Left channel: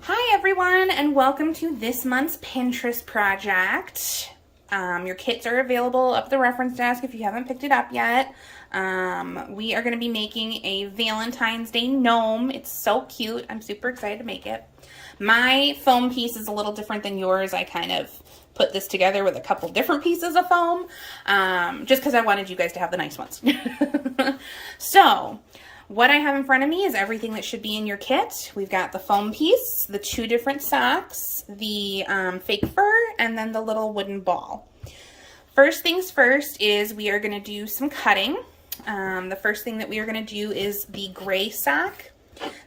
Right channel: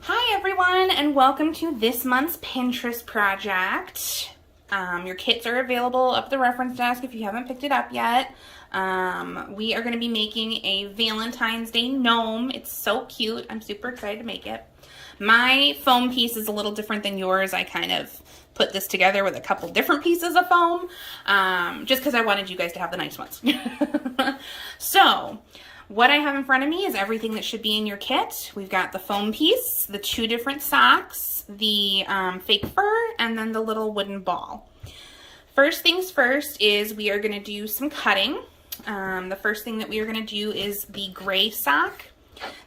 Hi everyone, and welcome to this month's Pinterest project. Your kits are available up the reference desk if you haven't picked it up yet. We are going to be making a Valentine's Day gnome. It's so cute. I'm super excited to make it. My foam piece is a little different than yours. I kind of put this together with a couple different pieces of foam, just because I wanted you guys to have the nice ones. So, what I have in front of me is everything that should be in your kit. We've got the foam piece, the 2 different socks, the fake fur, and then the little wooden ball. First things first is we are going to do some cutting. The first thing that we are going to do is the gray sock.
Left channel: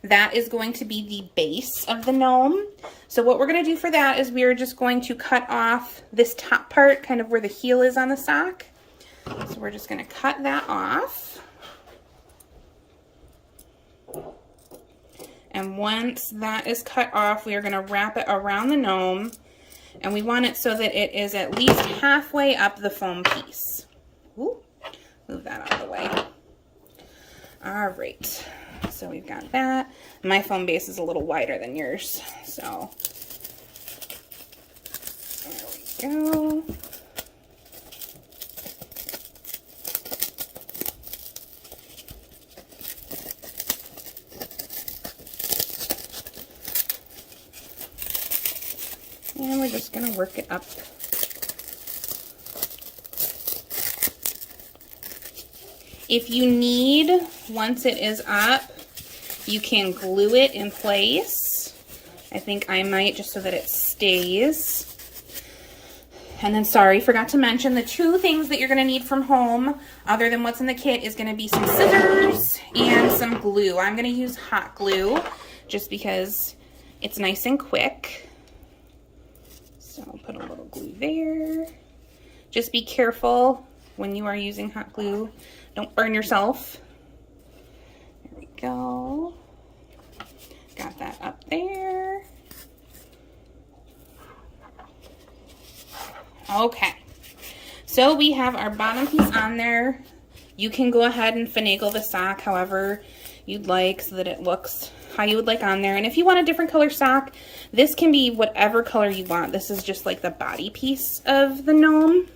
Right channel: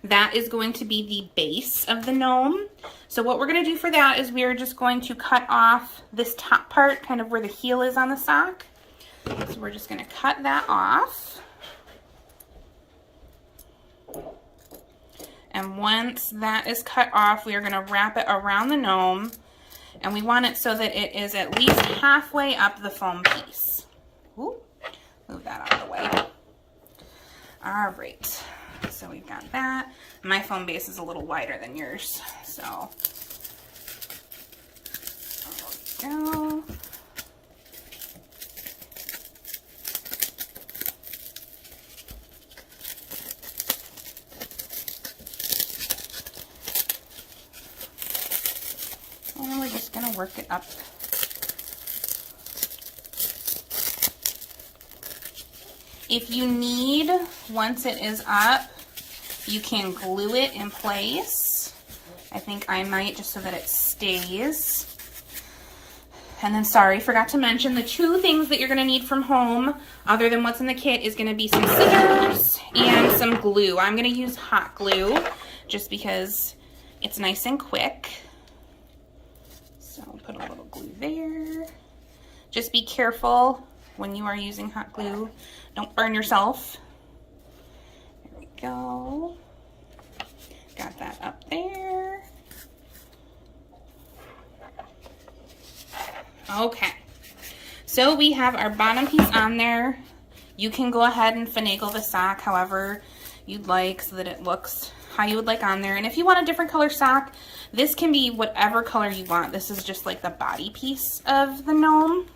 That is going to be the base of the gnome. So what we're going to do for that is we are just going to cut off this top part, kind of where the heel is on the sock. So we're just going to cut that off. And once that is cut off, we are going to wrap it around the gnome, and we want it so that it is at least halfway up the foam piece. Ooh, move that out of the way. All right, so we've got that. My foam base is a little wider than yours, so there we go. And we're just going to work it up. If you need, once it is up, you can glue it in place. I think I might, just so that it stays. And then, sorry, forgot to mention the 2 things that you're going to need from home, other than what's in the kit, is going to be some scissors and some glue. I'm going to use hot glue just because it's nice and quick. So I'll put a little glue there. Just be careful when you are using hot glue. Don't burn yourself. There we go. Got that up there. Okay. So we have our bottom piece on there. You can go ahead and finagle the sock however you'd like so that it looks how you would like on there. And if you want a different color sock, this can be whatever color you want. This is just like the body piece of the gnome.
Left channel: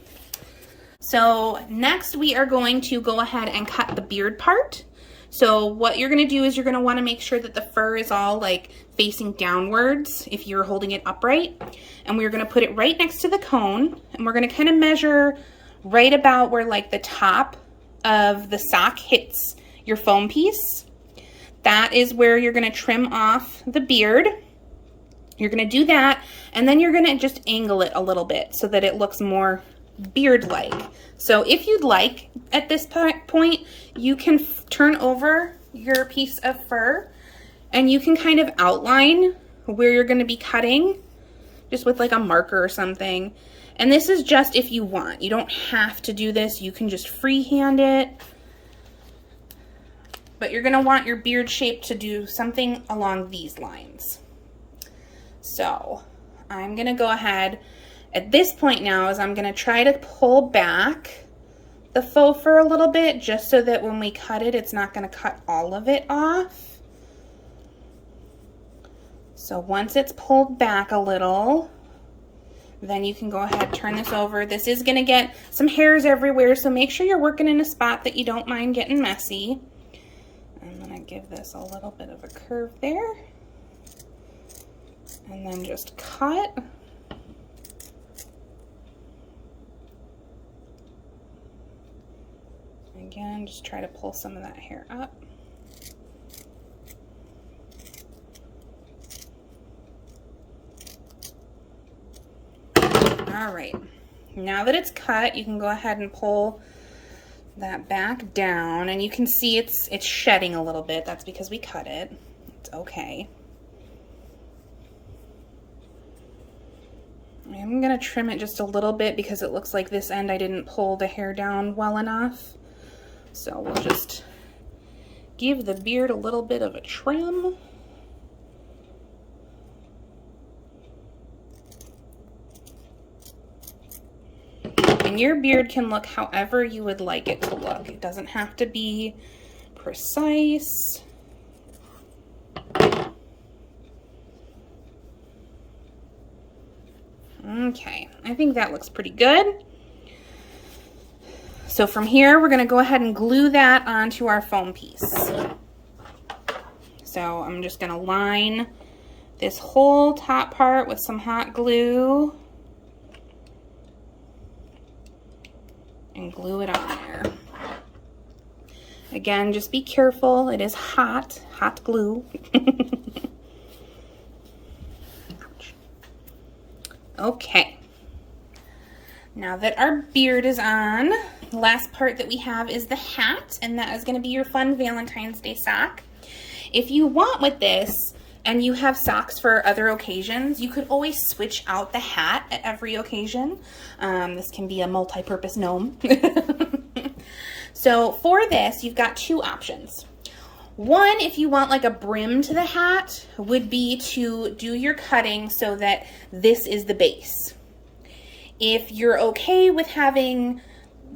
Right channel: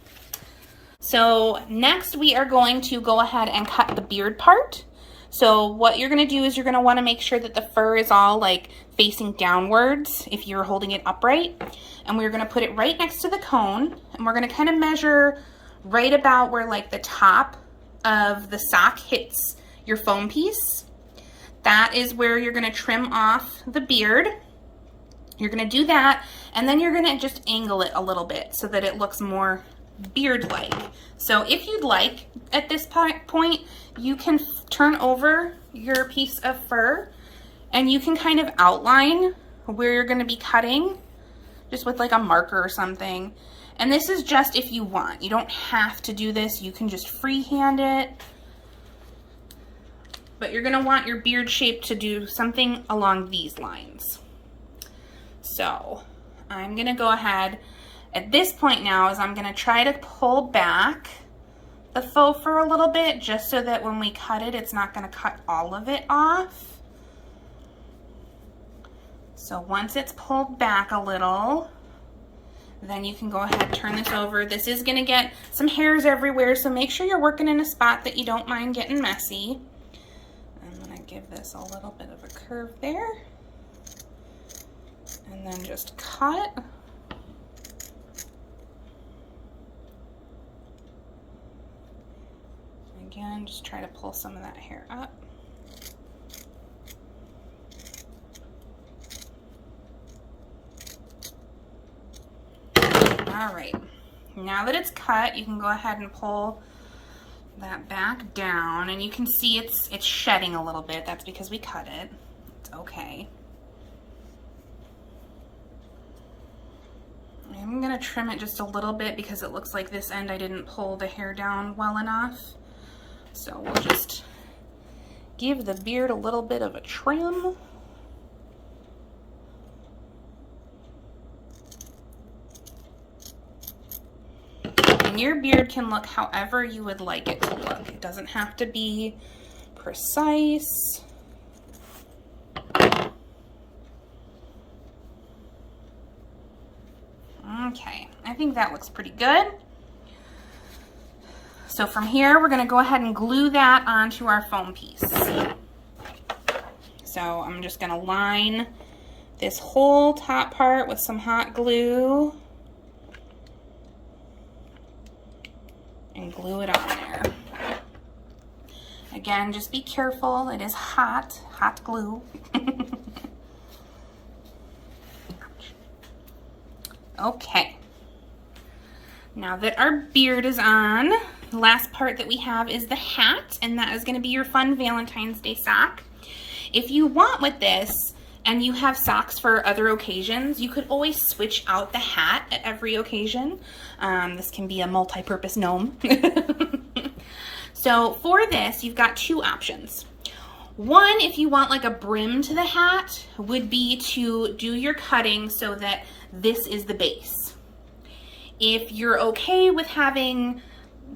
So next we are going to go ahead and cut the beard part. So what you're going to do is you're going to want to make sure that the fur is all like facing downwards if you're holding it upright. And we're going to put it right next to the cone, and we're going to kind of measure right about where like the top of the sock hits your foam piece. That is where you're going to trim off the beard. You're going to do that, and then you're going to just angle it a little bit so that it looks more beard-like. So if you'd like, at this point, you can turn over your piece of fur, and you can kind of outline where you're going to be cutting, just with like a marker or something. And this is just if you want. You don't have to do this. You can just freehand it. But you're going to want your beard shape to do something along these lines. So I'm going to go ahead at this point now is I'm going to try to pull back the faux fur a little bit just so that when we cut it, it's not going to cut all of it off. So once it's pulled back a little, then you can go ahead, turn this over. This is going to get some hairs everywhere, so make sure you're working in a spot that you don't mind getting messy. I'm going to give this a little bit of a curve there. And then just cut. Again, just try to pull some of that hair up. All right, now that it's cut, you can go ahead and pull that back down, and you can see it's shedding a little bit. That's because we cut it. It's okay. I'm gonna trim it just a little bit because it looks like this end I didn't pull the hair down well enough. So we'll just give the beard a little bit of a trim. And your beard can look however you would like it to look. It doesn't have to be precise. Okay, I think that looks pretty good. So from here, we're gonna go ahead and glue that onto our foam piece. So I'm just gonna line this whole top part with some hot glue and glue it on there. Again, just be careful. It is hot glue. Okay. Now that our beard is on, the last part that we have is the hat, and that is going to be your fun Valentine's Day sock. If you want with this, and you have socks for other occasions, you could always switch out the hat at every occasion. This can be a multi-purpose gnome. So for this, you've got two options. One, if you want like a brim to the hat, would be to do your cutting so that this is the base. If you're okay with having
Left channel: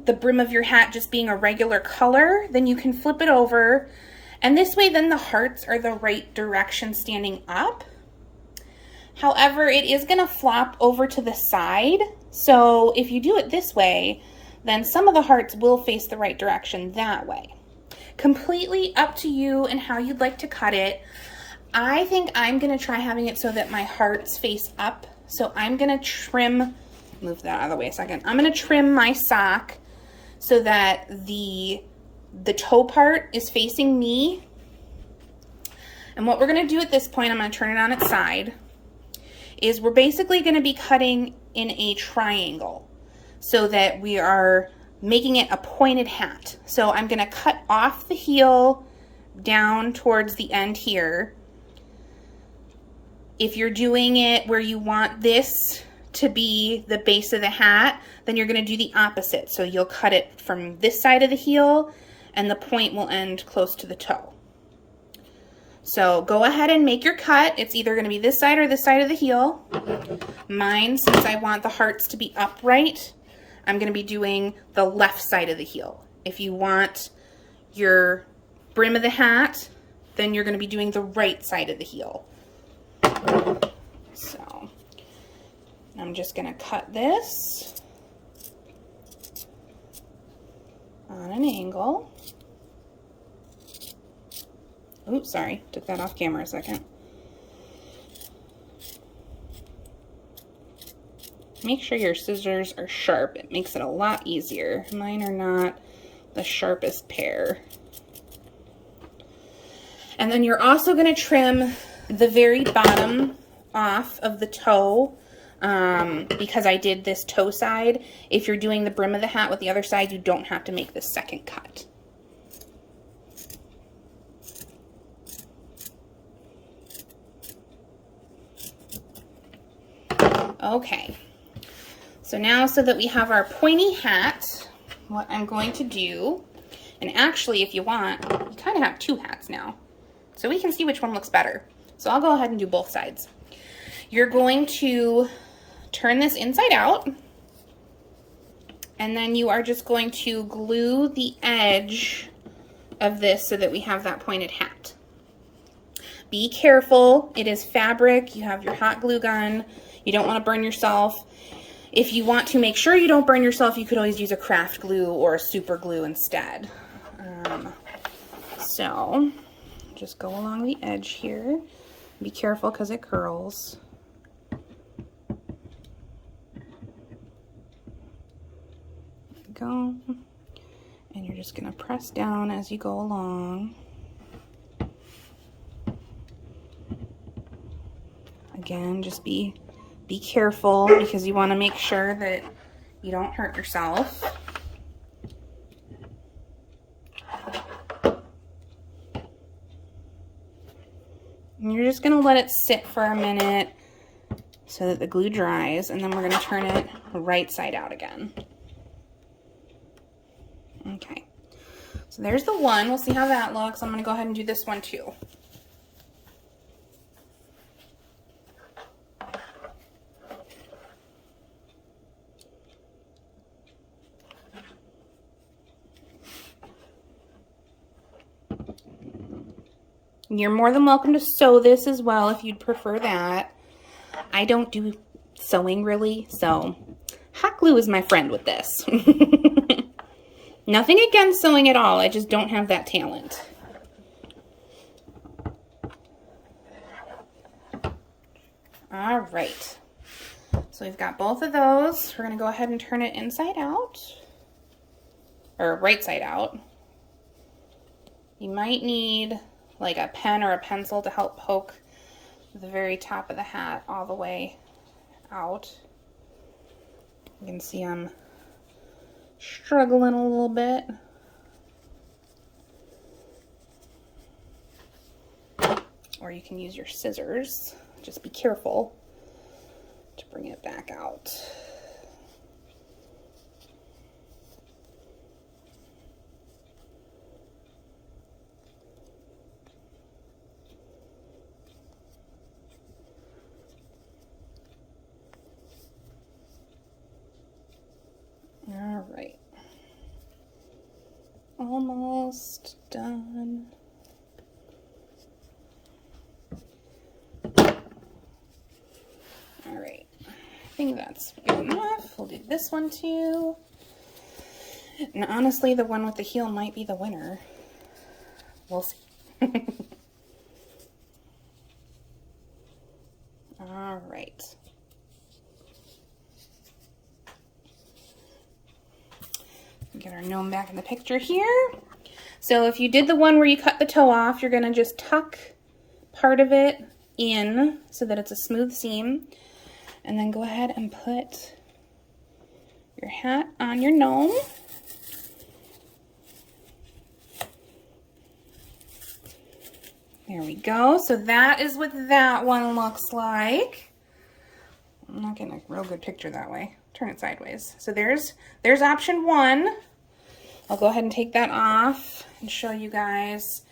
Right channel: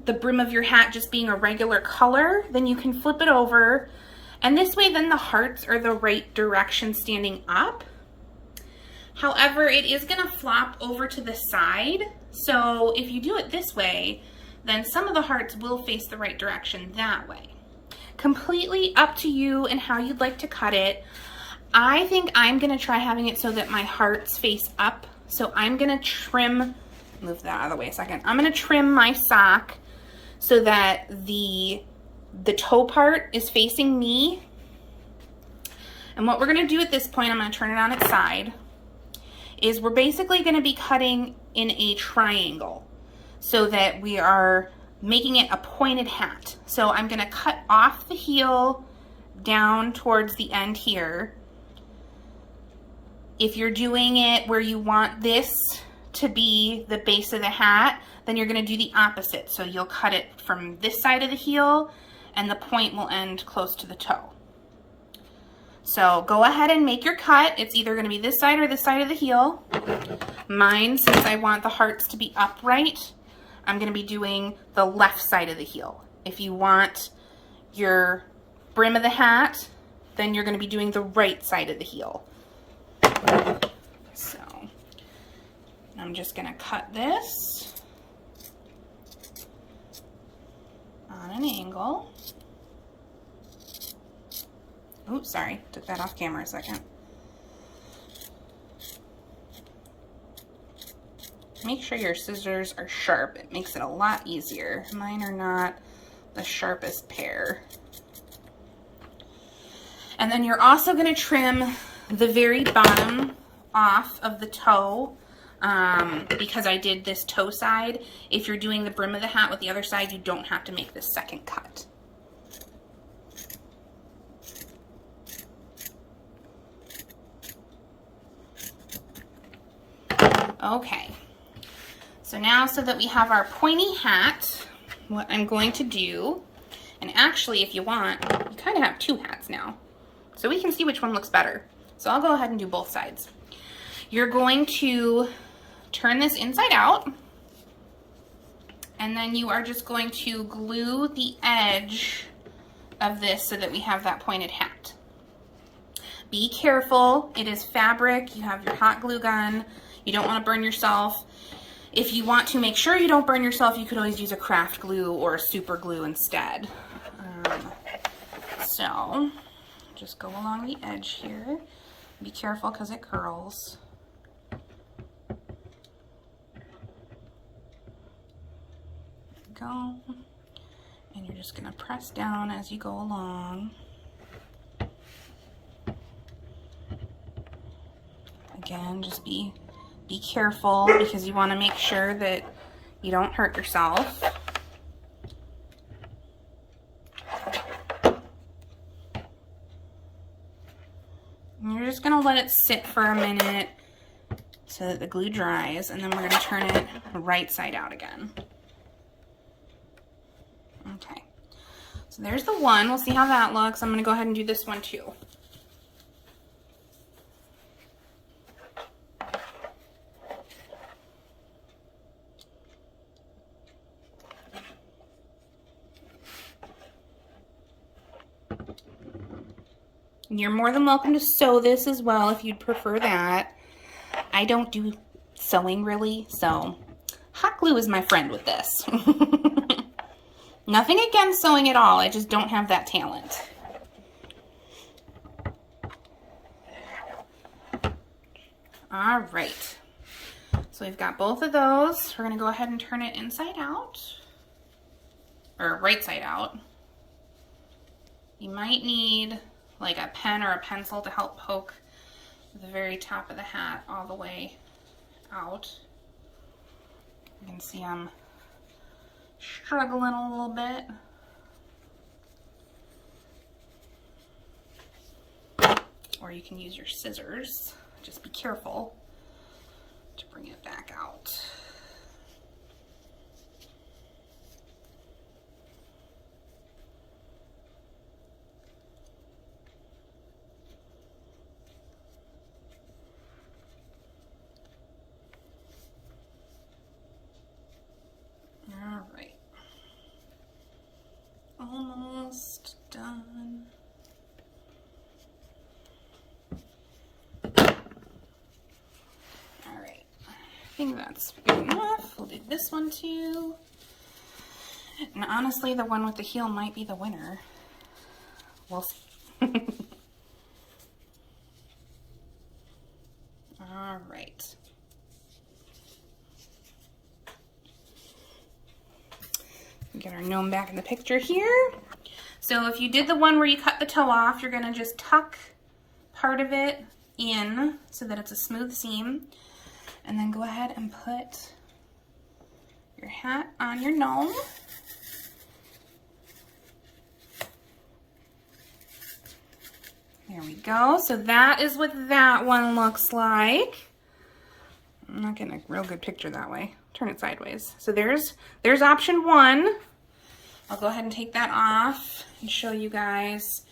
the brim of your hat just being a regular color, then you can flip it over. And this way, then the hearts are the right direction standing up. However, it is gonna flop over to the side. So if you do it this way, then some of the hearts will face the right direction that way. Completely up to you and how you'd like to cut it. I think I'm gonna try having it so that my hearts face up. So I'm gonna trim, move that out of the way a second. I'm gonna trim my sock so that the toe part is facing me. And what we're gonna do at this point, I'm gonna turn it on its side, is we're basically gonna be cutting in a triangle so that we are making it a pointed hat. So I'm gonna cut off the heel down towards the end here. If you're doing it where you want this to be the base of the hat, then you're gonna do the opposite. So you'll cut it from this side of the heel and the point will end close to the toe. So go ahead and make your cut. It's either gonna be this side or this side of the heel. Mine, since I want the hearts to be upright, I'm gonna be doing the left side of the heel. If you want your brim of the hat, then you're gonna be doing the right side of the heel. So I'm just gonna cut this on an angle. Oops, sorry, took that off camera a second. Make sure your scissors are sharp. It makes it a lot easier. Mine are not the sharpest pair. And then you're also going to trim the very bottom off of the toe because I did this toe side. If you're doing the brim of the hat with the other side, you don't have to make this second cut. Okay. So now, so that we have our pointy hat, what I'm going to do, and actually if you want, you kind of have two hats now. So we can see which one looks better. So I'll go ahead and do both sides. You're going to turn this inside out, and then you are just going to glue the edge of this so that we have that pointed hat. Be careful, it is fabric, you have your hot glue gun, you don't want to burn yourself. If you want to make sure you don't burn yourself, you could always use a craft glue or a super glue instead. So just go along the edge here. Be careful because it curls. Go. And you're just going to press down as you go along. Again, just be careful because you want to make sure that you don't hurt yourself. And you're just going to let it sit for a minute so that the glue dries, and then we're going to turn it right side out again. Okay, so there's the one. We'll see how that looks. I'm going to go ahead and do this one too. You're more than welcome to sew this as well if you'd prefer that. I don't do sewing really, so hot glue is my friend with this. Nothing against sewing at all, I just don't have that talent. All right, so we've got both of those. We're gonna go ahead and turn it inside out, or right side out. You might need like a pen or a pencil to help poke the very top of the hat all the way out. You can see I'm struggling a little bit. Or you can use your scissors. Just be careful to bring it back out. All right. Almost done. All right, I think that's good enough. We'll do this one too. And honestly, the one with the heel might be the winner. We'll see. All right. Get our gnome back in the picture here. So if you did the one where you cut the toe off, you're gonna just tuck part of it in so that it's a smooth seam. And then go ahead and put your hat on your gnome. There we go. So that is what that one looks like. I'm not getting a real good picture that way. Turn it sideways. So there's option one. I'll go ahead and take that off and show you guys.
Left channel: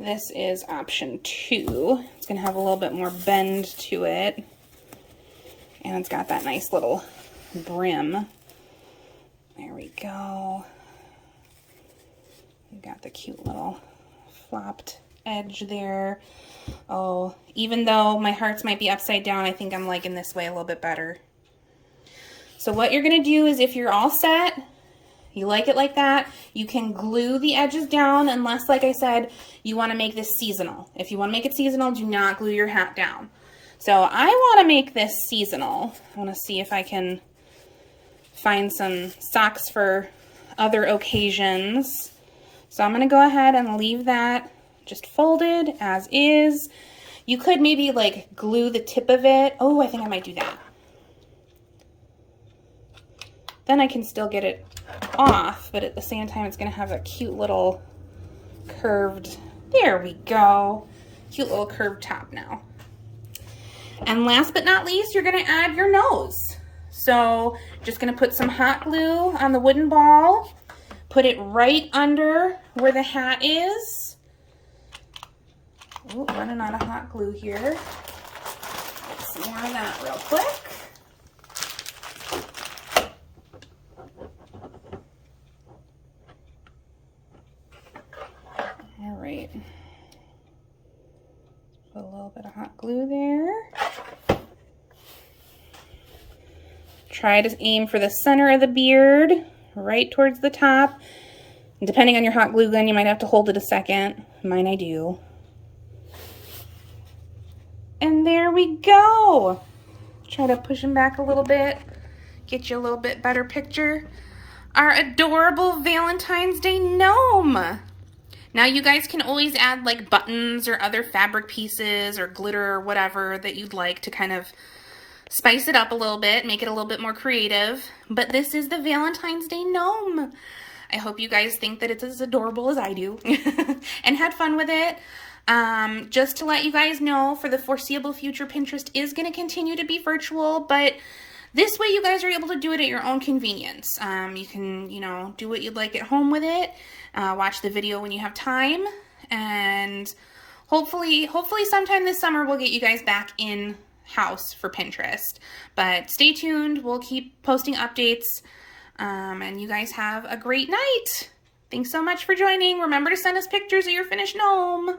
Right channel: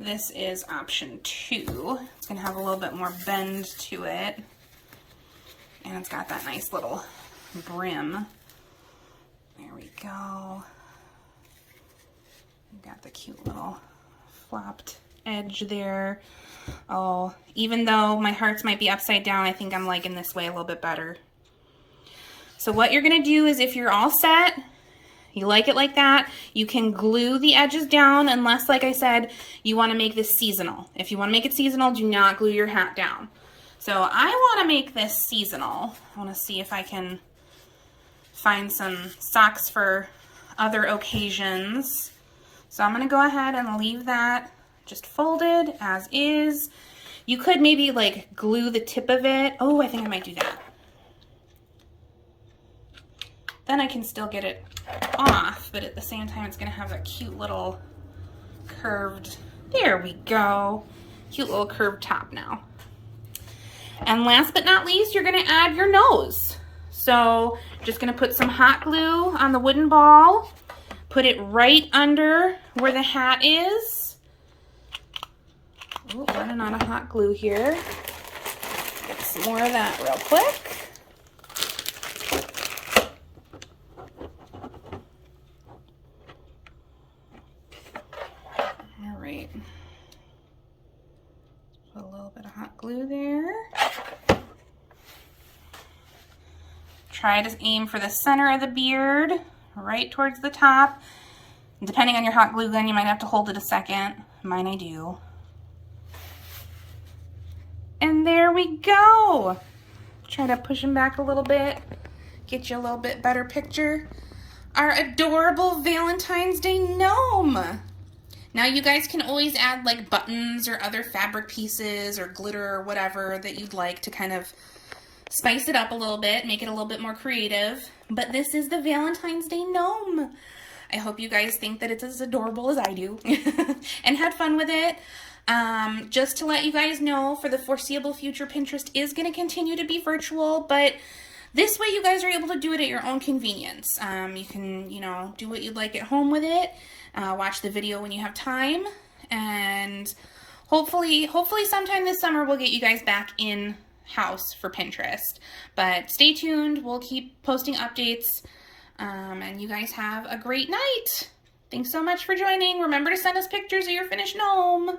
This is option two. It's gonna have a little bit more bend to it. And it's got that nice little brim. There we go. We got the cute little flopped edge there. Oh, even though my hearts might be upside down, I think I'm liking this way a little bit better. So what you're gonna do is, if you're all set, you like it like that, you can glue the edges down, unless, like I said, you wanna make this seasonal. If you wanna make it seasonal, do not glue your hat down. So I wanna make this seasonal. I wanna see if I can find some socks for other occasions. So I'm gonna go ahead and leave that just folded as is. You could maybe like glue the tip of it. Oh, I think I might do that. Then I can still get it off, but at the same time it's gonna have a cute little curved, there we go, cute little curved top now. And last but not least, you're gonna add your nose. So just gonna put some hot glue on the wooden ball, put it right under where the hat is. Oh, running out of hot glue here. Get some more of that real quick. All right. Put a little bit of hot glue there. Try to aim for the center of the beard, right towards the top. And depending on your hot glue gun, you might have to hold it a second. Mine I do. And there we go. Try to push them back a little bit, get you a little bit better picture. Our adorable Valentine's Day gnome. Now you guys can always add like buttons or other fabric pieces or glitter or whatever that you'd like to kind of spice it up a little bit, make it a little bit more creative. But this is the Valentine's Day gnome. I hope you guys think that it's as adorable as I do and had fun with it. Just to let you guys know, for the foreseeable future, Pinterest is going to continue to be virtual, but this way you guys are able to do it at your own convenience. You can, you know, do what you'd like at home with it, watch the video when you have time, and hopefully sometime this summer we'll get you guys back in house for Pinterest. But stay tuned, we'll keep posting updates, and you guys have a great night. Thanks so much for joining. Remember to send us pictures of your finished gnome.